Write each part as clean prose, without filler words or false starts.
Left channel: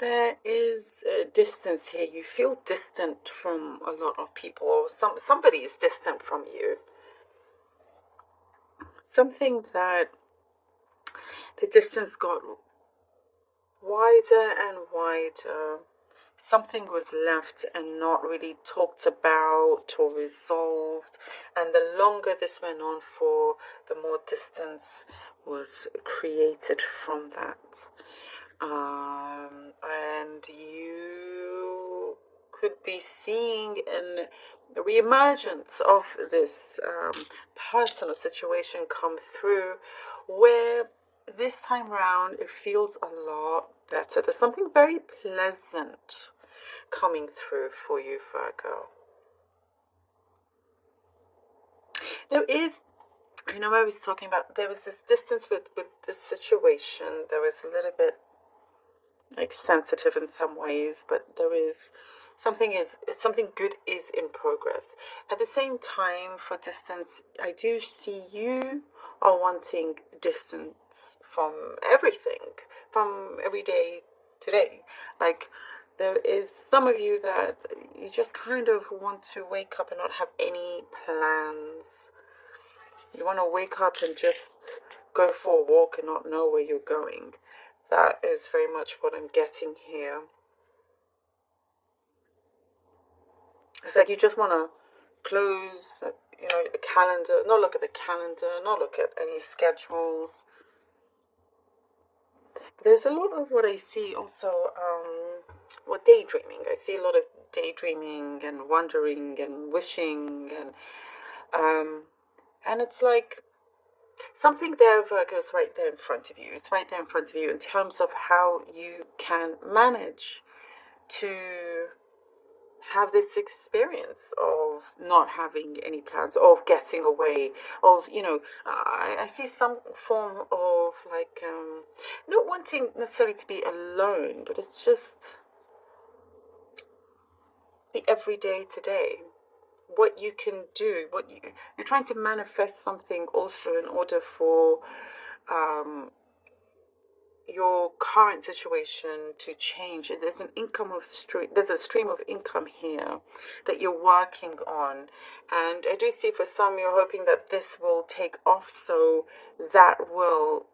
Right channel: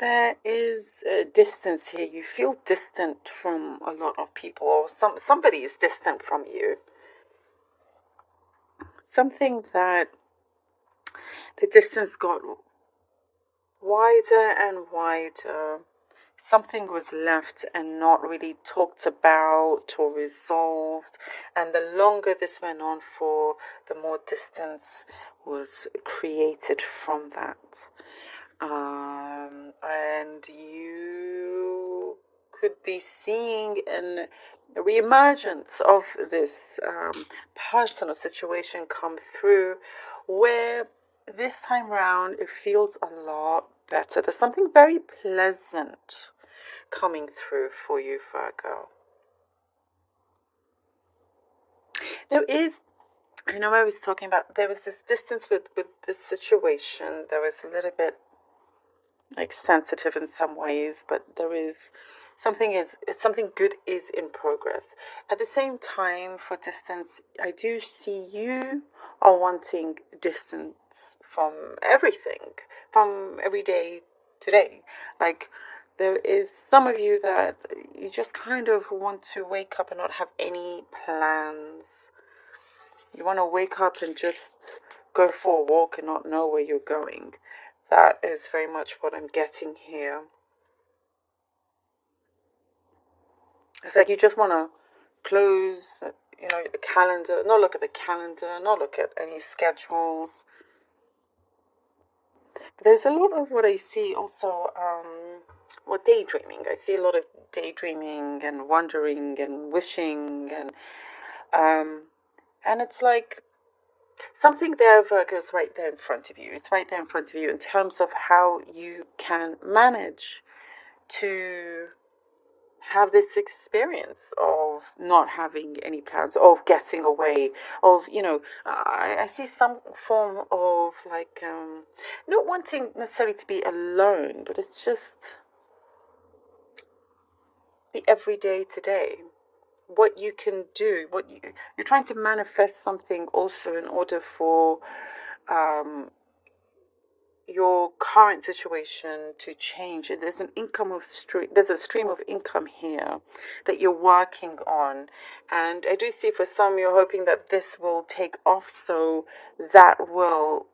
There is a distance here. You feel distant from a lot of people, or somebody is distant from you. Something that the distance got wider and wider. Something was left and not really talked about or resolved. And the longer this went on for, the more distance was created from that. And you could be seeing a reemergence of this personal situation come through, where this time round it feels a lot better. There's something very pleasant coming through for you, Virgo. There is, I know I was talking about, there was this distance with this situation. There was a little bit like sensitive in some ways, but there is something good is in progress. At the same time, for distance, I do see you are wanting distance from everything, from every day to day. Like, there is some of you that you just kind of want to wake up and not have any plans. You want to wake up and just go for a walk and not know where you're going. That is very much what I'm getting here. It's like you just want to close, the calendar, not look at the calendar, not look at any schedules. There's a lot of what I see also, daydreaming. I see a lot of daydreaming and wondering and wishing and it's like something there, Virgo, is right there in front of you. It's right there in front of you in terms of how you can manage to have this experience of not having any plans, of getting away, of, I see some form of like, not wanting necessarily to be alone, but it's just the everyday today. What you can do, you're trying to manifest something also in order for your current situation to change. There's there's a stream of income here that you're working on, and I do see for some you're hoping that this will take off, so that will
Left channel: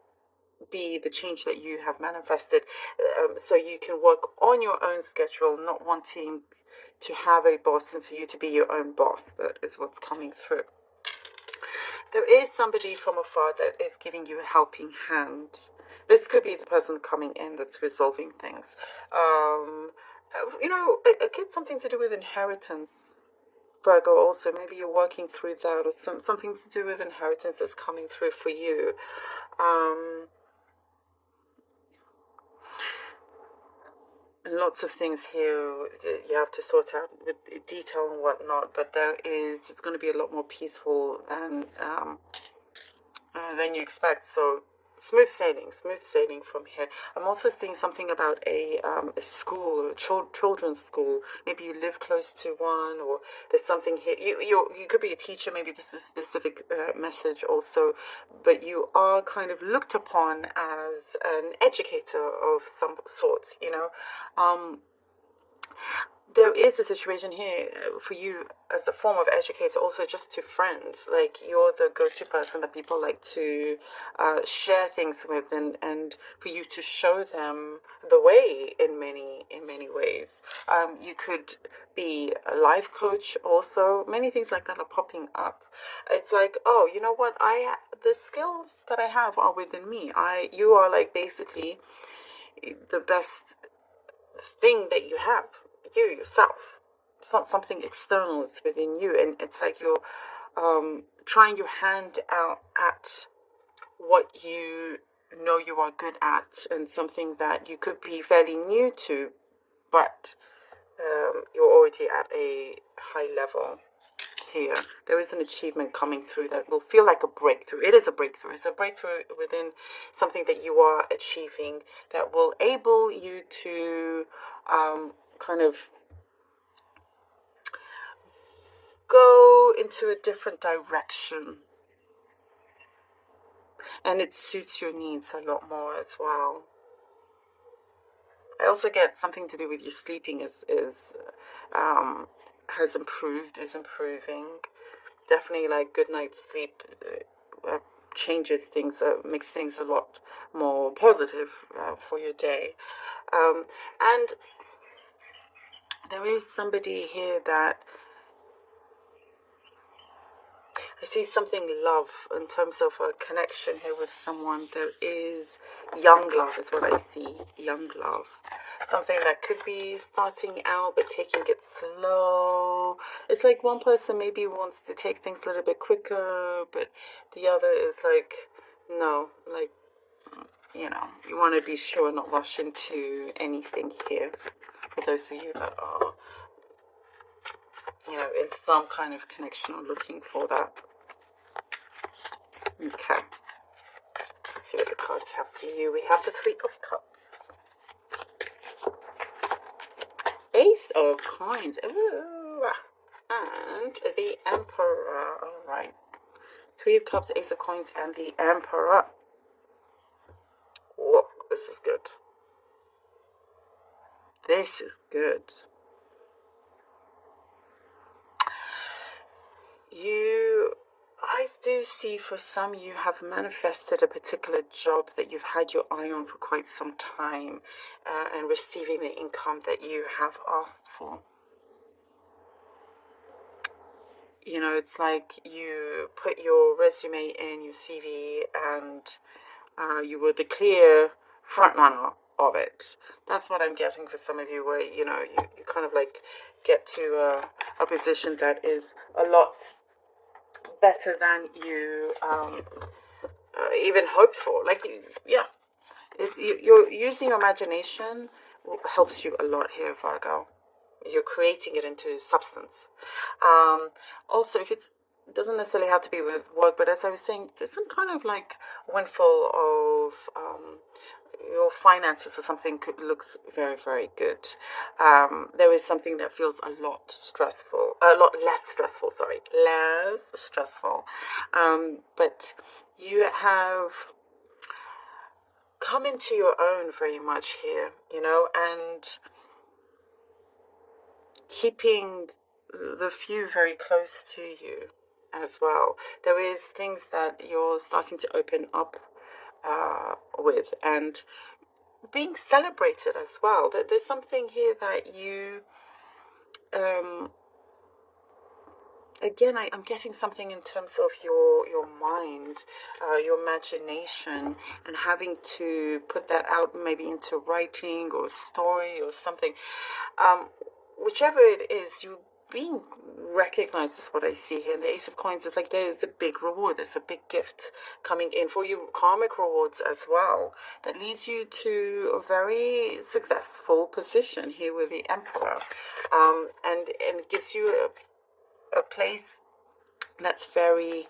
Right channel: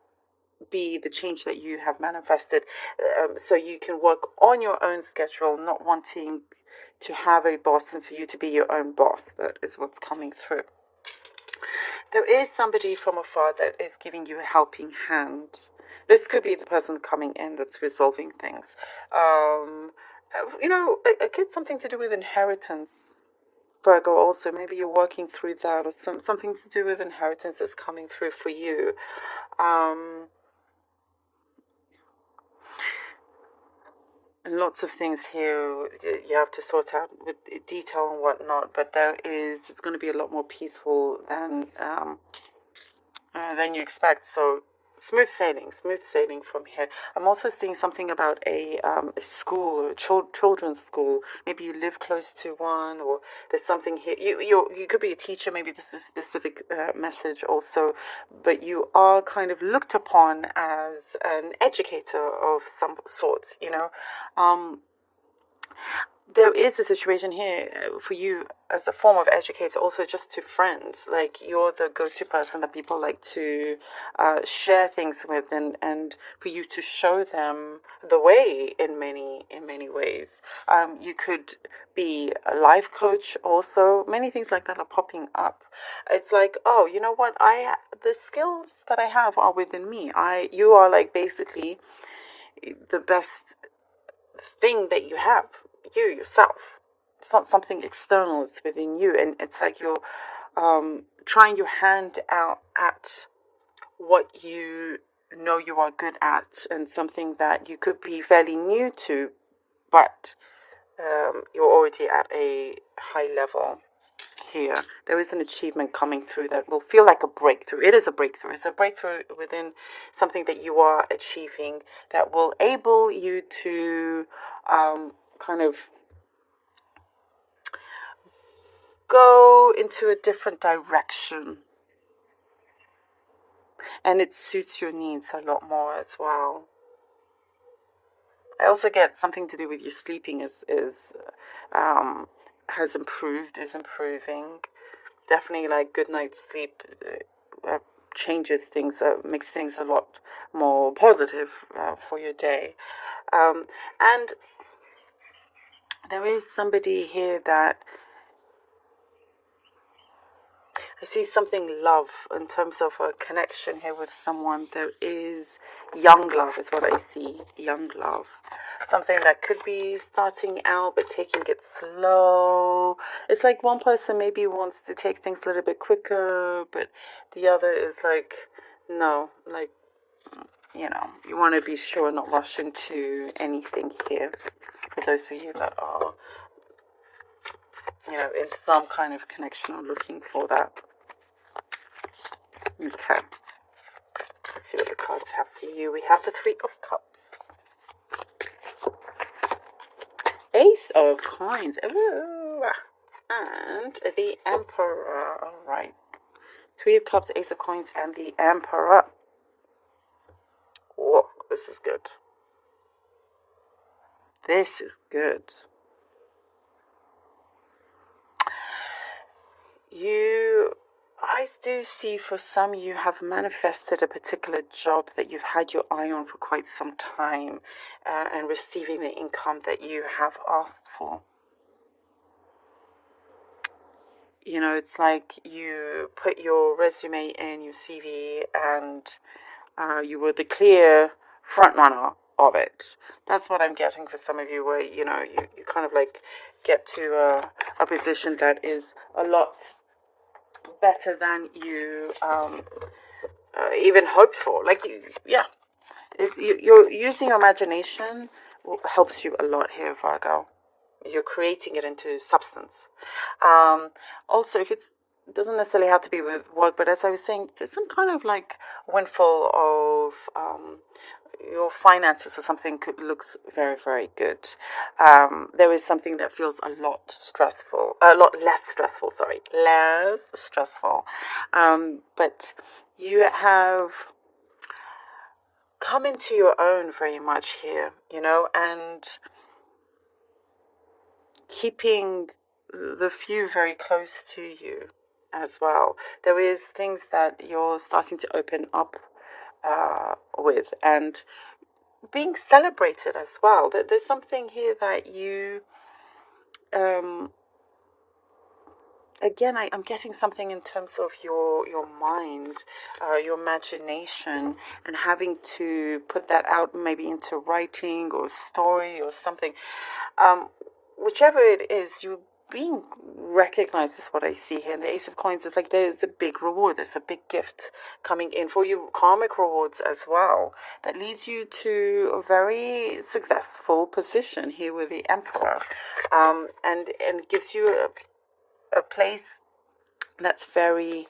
be the change that you have manifested, so you can work on your own schedule, not wanting to have a boss and for you to be your own boss. That is what's coming through. There is somebody from afar that is giving you a helping hand. This could be the person coming in that's resolving things. It could something to do with inheritance, Virgo. Also, maybe you're working through that, or something to do with inheritance that's coming through for you. And lots of things here you have to sort out with detail and whatnot. But it's going to be a lot more peaceful than you expect. So smooth sailing from here. I'm also seeing something about a school, a children's school. Maybe you live close to one, or there's something here. You could be a teacher. Maybe this is a specific message also, but you are kind of looked upon as an educator of some sort. There is a situation here for you as a form of educator, also just to friends. Like, you're the go-to person that people like to share things with, and for you to show them the way in many ways. You could be a life coach also. Many things like that are popping up. It's like, oh, you know what? The skills that I have are within me. You are like basically the best thing that you have. You yourself. It's not something external, it's within you. And it's like you're trying your hand out at what you know you are good at, and something that you could be fairly new to, but you're already at a high level here. There is an achievement coming through that will feel like a breakthrough. It is a breakthrough. It's a breakthrough within something that you are achieving that will enable you to kind of go into a different direction, and it suits your needs a lot more as well. I also get something to do with your sleeping has improved, is improving. Definitely, like, good night's sleep changes things, makes things a lot more positive for your day. And there is somebody here that I see something love in terms of a connection here with someone. There is young love is what I see. Young love. Something that could be starting out but taking it slow. It's like one person maybe wants to take things a little bit quicker, but the other is like, no, like, you want to be sure, not rush into anything here. For those of you that are, in some kind of connection or looking for that. Okay. Let's see what the cards have for you. We have the Three of Cups. Ace of Coins. Ooh. And the Emperor. Alright. Three of Cups, Ace of Coins, and the Emperor. Whoa, this is good. This is good. I do see for some you have manifested a particular job that you've had your eye on for quite some time, and receiving the income that you have asked for. It's like you put your resume in, your CV, and you were the clear front runner of it. That's what I'm getting for some of you, where you kind of like get to a position that is a lot better than you even hoped for. Like, you're using your imagination helps you a lot here, Virgo. You're creating it into substance. Also, if it doesn't necessarily have to be with work, but as I was saying, there's some kind of like windfall of your finances or something looks very, very good. There is something that feels a lot less stressful. But you have come into your own very much here, and keeping the few very close to you as well. There is things that you're starting to open up with, and being celebrated as well. There's something here that you again, I'm getting something in terms of your mind, your imagination, and having to put that out maybe into writing or story or something. Whichever it is, you being recognized is what I see here. And the Ace of Coins is like there's a big reward, there's a big gift coming in for you, karmic rewards as well, that leads you to a very successful position here with the Emperor, and gives you a place that's very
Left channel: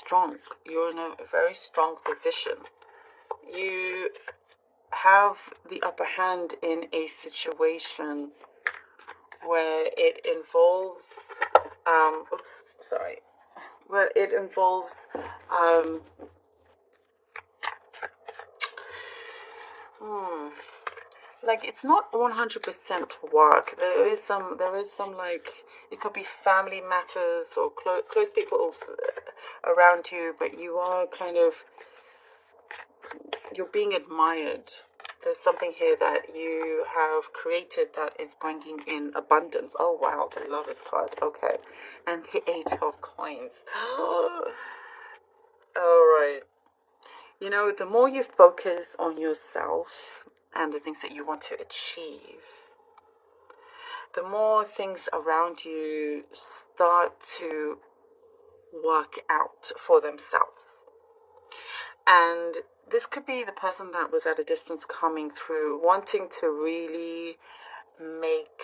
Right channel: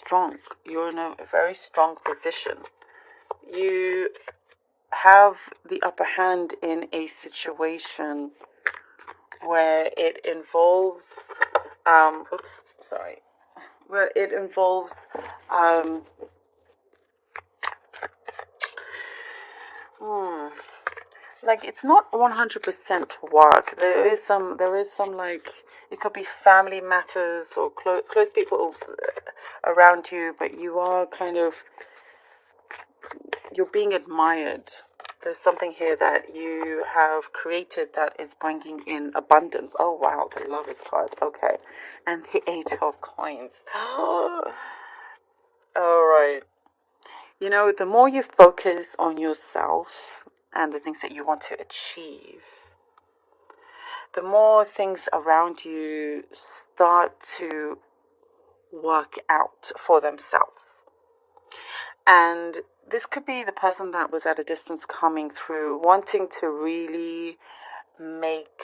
strong. You're in a very strong position. You have the upper hand in a situation where it involves like, it's not 100% work. There is some like, it could be family matters or close people around you, but you are kind of, you're being admired. There's something here that you have created that is bringing in abundance. Oh wow, the Lovers card. Okay, and the Eight of Coins. All right. The more you focus on yourself and the things that you want to achieve, the more things around you start to work out for themselves. And this could be the person that was at a distance coming through, wanting to really make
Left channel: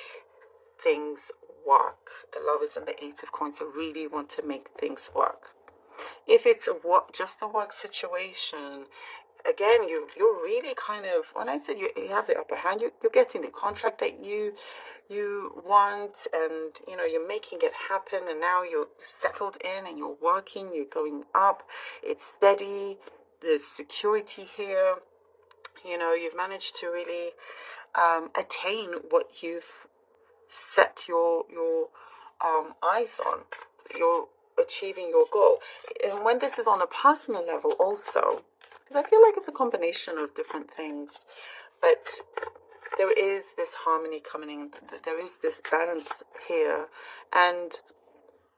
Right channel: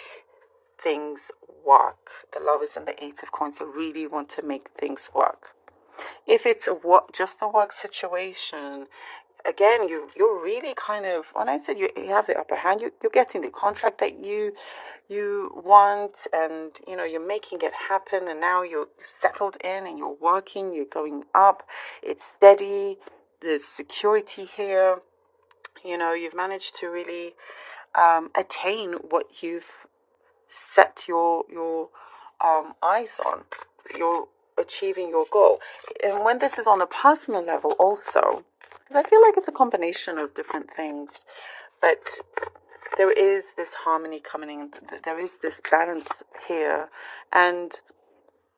things work. The Lovers and the Eight of Coins really want to make things work. If it's just a work situation, again, you're really kind of, when I said you have the upper hand, you're getting the contract that you want, and you're making it happen, and now you're settled in and you're working, you're going up, it's steady, there's security here. You've managed to really attain what you've set your eyes on. You're achieving your goal. And when this is on a personal level also, because I feel like it's a combination of different things, but there is this harmony coming in, there is this balance here. And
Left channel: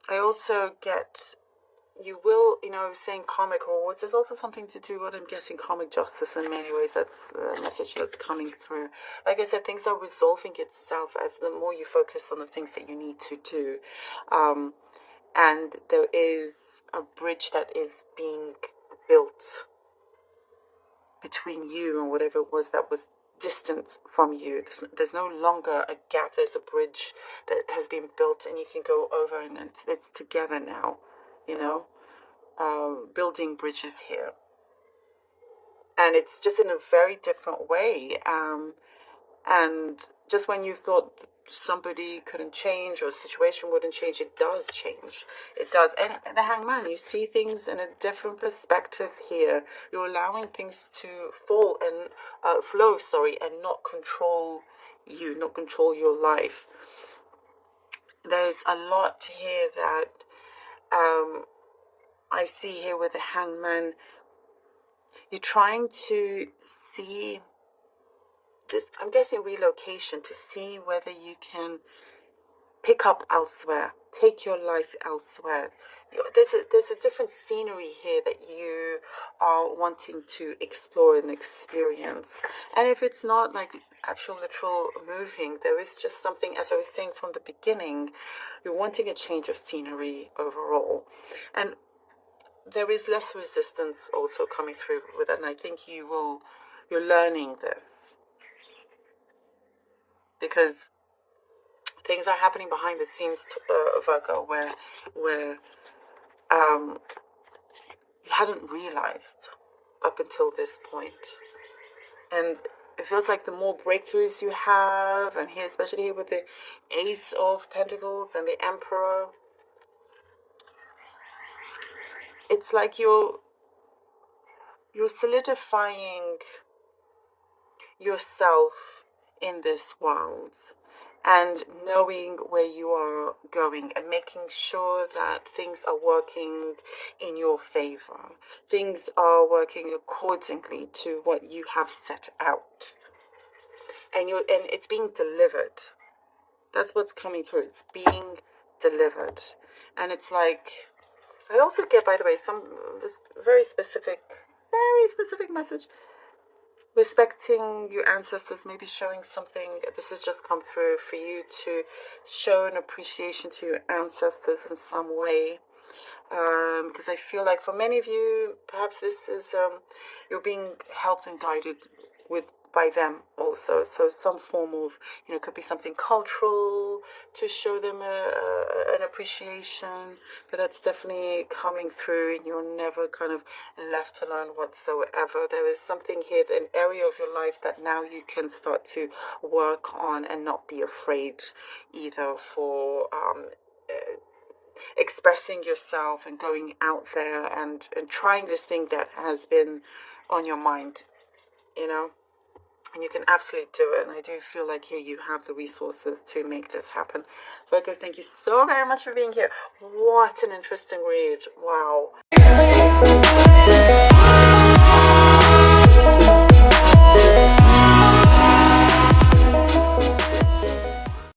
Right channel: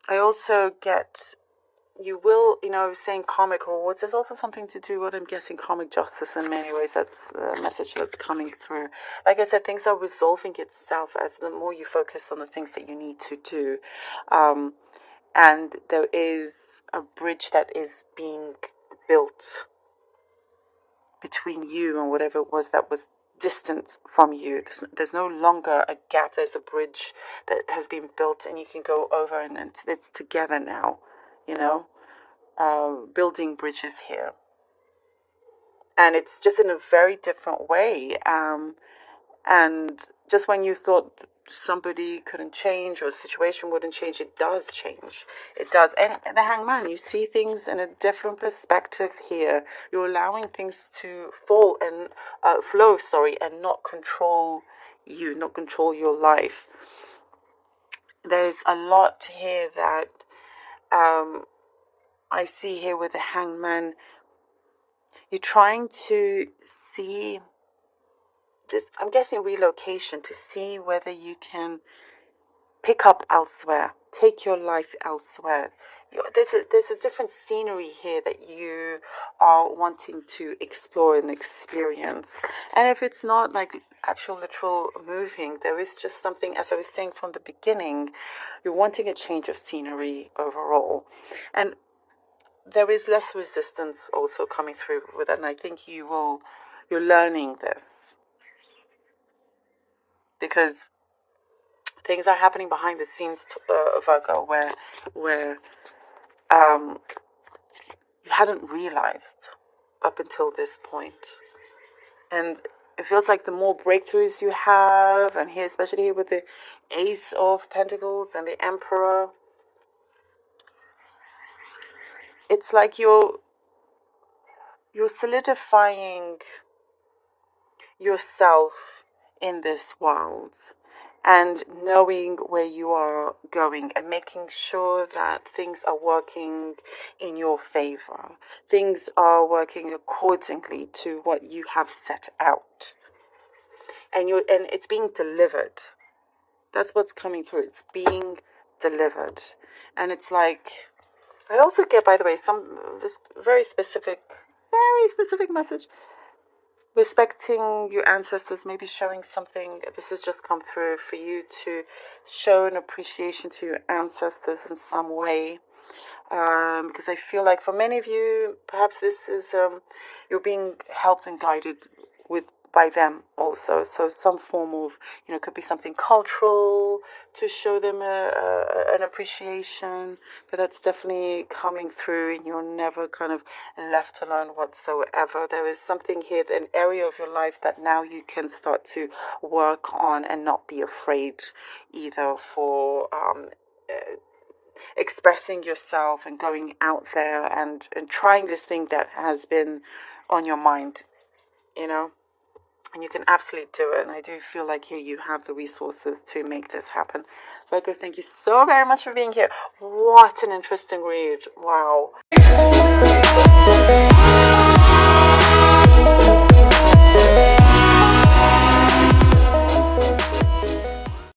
I also get, you will, saying karmic rewards, there's also something to do with, I'm getting karmic justice in many ways. That's the message that's coming through. Like I said, things are resolving itself as the more you focus on the things that you need to do. And there is a bridge that is being built between you and whatever it was that was distant from you. There's no longer a gap. There's a bridge that has been built, and you can go over, and it's together now, building bridges here. And it's just in a very different way. And just when you thought somebody couldn't change or the situation wouldn't change, it does change. It does. And the Hangman, you see things in a different perspective here. You're allowing things to flow, and not control you, not control your life. There's a lot here that I see here with the Hangman. You're trying to see this, I'm guessing relocation, to see whether you can pick up elsewhere, take your life elsewhere. There's a different scenery here that you are wanting to explore and experience. And if it's not like actual literal moving, there is just something, as I was saying from the beginning, you're wanting a change of scenery overall. And there is less resistance also coming through with it, and I think you're learning this. Because things are happening behind the scenes, Virgo, where you hadn't realized up until this point. And it feels like the more breakthroughs you have, and here, especially here with the Ace of Pentacles and the Emperor, it's like you're solidifying yourself in this world, and knowing where you are going, and making sure that things are working in your favor. Things are working accordingly to what you have set out. And it's being delivered. That's what's coming through. It's being delivered. And it's like, I also get, by the way, this very specific message. Respecting your ancestors, maybe showing something. This has just come through for you to show an appreciation to your ancestors in some way. Because I feel like for many of you, perhaps this is you're being helped and guided by them also. So some form of, could be something cultural to show them an appreciation, but that's definitely coming through, and you're never kind of left alone whatsoever. There is something here, an area of your life that now you can start to work on and not be afraid either for expressing yourself and going out there and trying this thing that has been on your mind, And you can absolutely do it. And I do feel like here you have the resources to make this happen. Virgo, thank you so very much for being here. What an interesting read. Wow.